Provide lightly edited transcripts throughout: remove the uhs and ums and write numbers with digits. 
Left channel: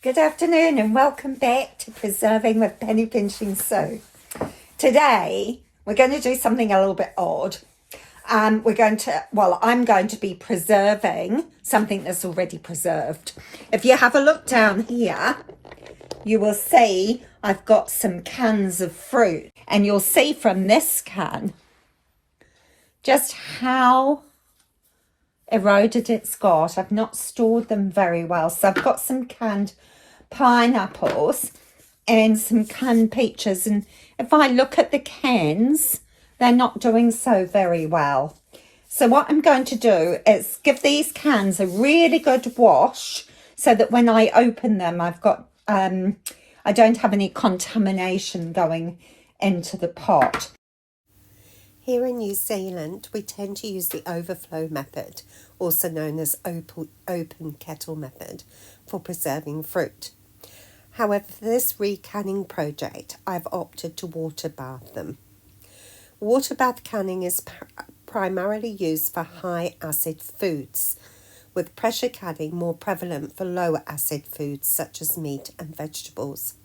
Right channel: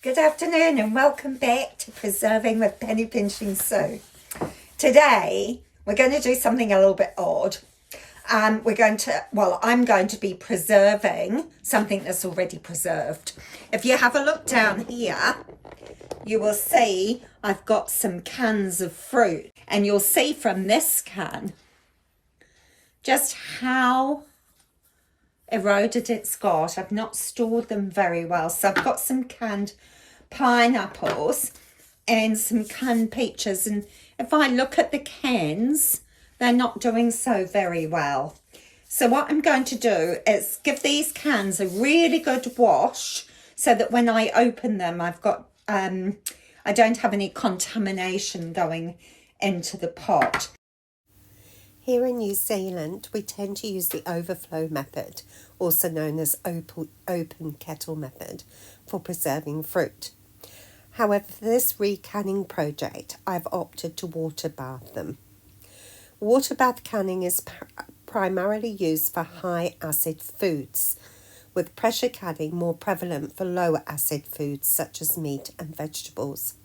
Good afternoon and welcome back to Preserving with Penny Pinching Sue. Today we're going to do something a little bit odd. I'm going to be preserving something that's already preserved. If you have a look down here, you will see I've got some cans of fruit, and you'll see from this can just how eroded it's got. I've not stored them very well, so I've got some canned pineapples and some canned peaches, and if I look at the cans, they're not doing so very well. So what I'm going to do is give these cans a really good wash so that when I open them, I've got I don't have any contamination going into the pot. Here in New Zealand, we tend to use the overflow method, also known as open kettle method, for preserving fruit. However, for this recanning project, I've opted to water bath them. Water bath canning is primarily used for high acid foods, with pressure canning more prevalent for lower acid foods such as meat and vegetables.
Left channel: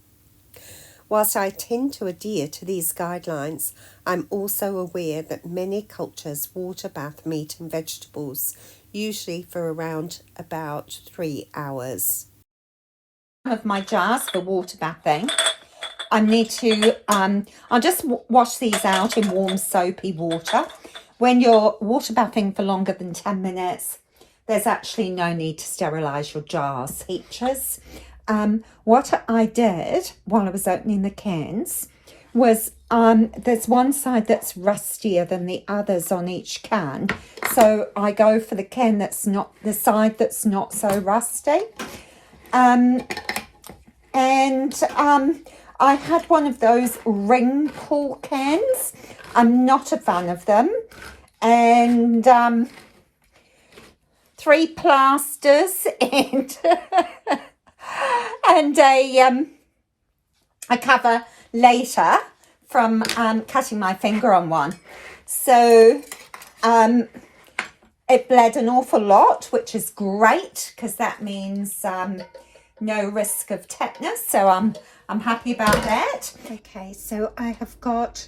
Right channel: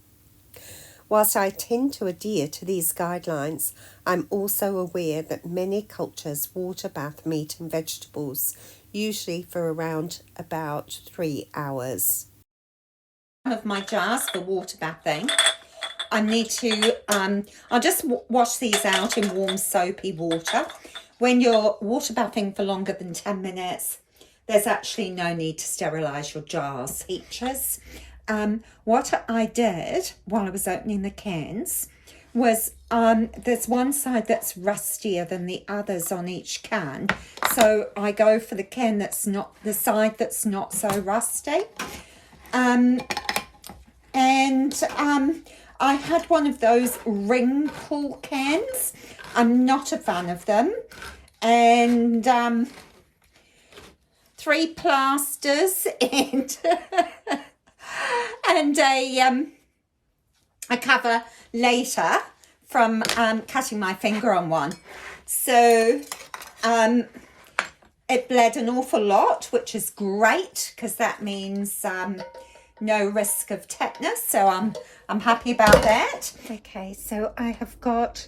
Whilst I tend to adhere to these guidelines, I'm also aware that many cultures water bath meat and vegetables, usually for around about 3 hours. One of my jars for water bathing, I need to, I'll just wash these out in warm soapy water. When you're water bathing for longer than 10 minutes, there's actually no need to sterilise your jars, teachers. What I did while I was opening the cans was there's one side that's rustier than the others on each can, so I go for the can that's not the side that's not so rusty. I had one of those ring pull cans. I'm not a fan of them, and 3 plasters and and a cover later from cutting my finger on one. So it bled an awful lot, which is great because that means no risk of tetanus. So I'm happy about that. Okay, so I have got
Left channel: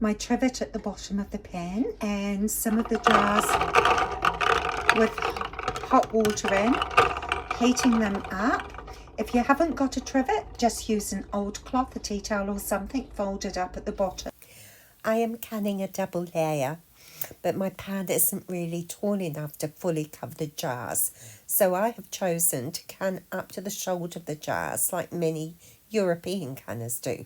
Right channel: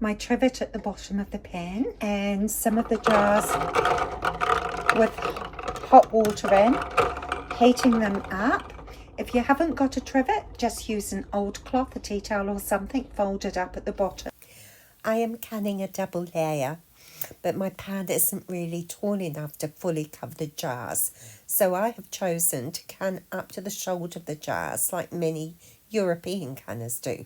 my trivet at the bottom of the pan and some of the jars with hot water in, heating them up. If you haven't got a trivet, just use an old cloth, a tea towel or something, folded up at the bottom. I am canning a double layer, but my pan isn't really tall enough to fully cover the jars, so I have chosen to can up to the shoulder of the jars like many European canners do.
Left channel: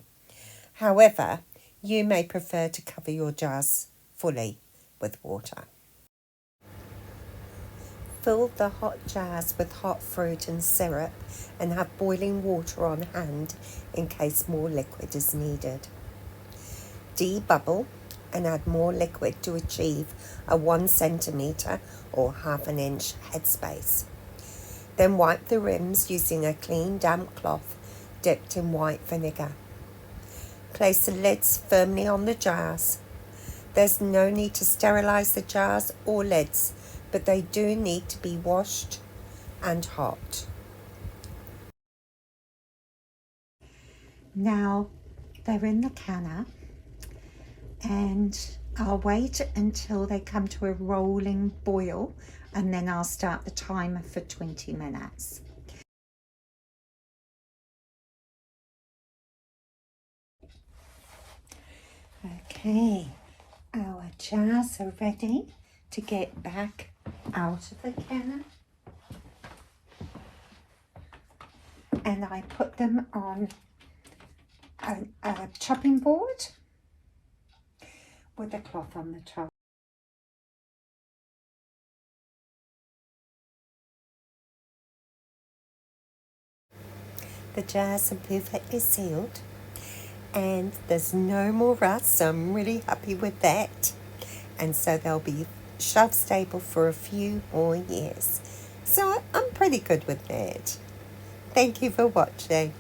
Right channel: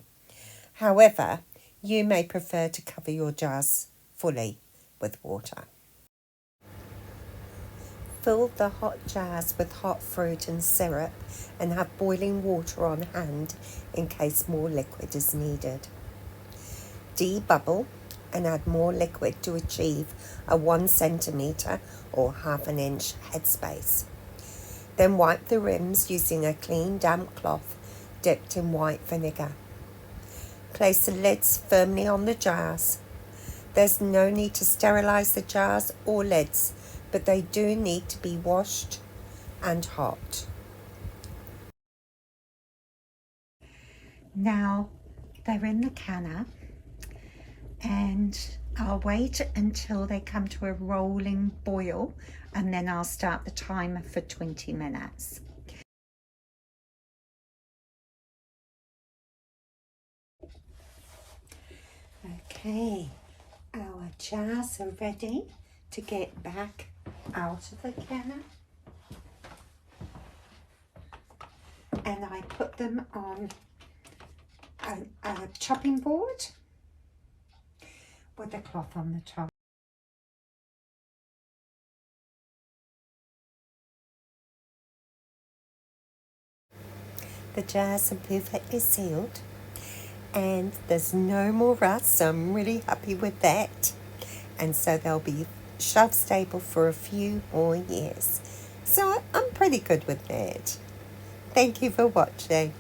However, you may prefer to cover your jars fully with water. Fill the hot jars with hot fruit and syrup and have boiling water on hand in case more liquid is needed. Debubble and add more liquid to achieve a 1 centimetre or ½ inch headspace. Then wipe the rims using a clean damp cloth dipped in white vinegar. Place the lids firmly on the jars. There's no need to sterilise the jars or lids, but they do need to be washed and hot. Now they're in the canner, and I'll wait until they come to a rolling boil, and then I'll start the timer for 20 minutes. Okay, our jars are ready to get back out of the canner, and I put them on a chopping board with a cloth on the top. The jars are perfectly sealed and there's no more rust, so I'm really happy with that. And so they'll be shelf stable for a few more years. So I'm pretty good with that. Thank you for watching.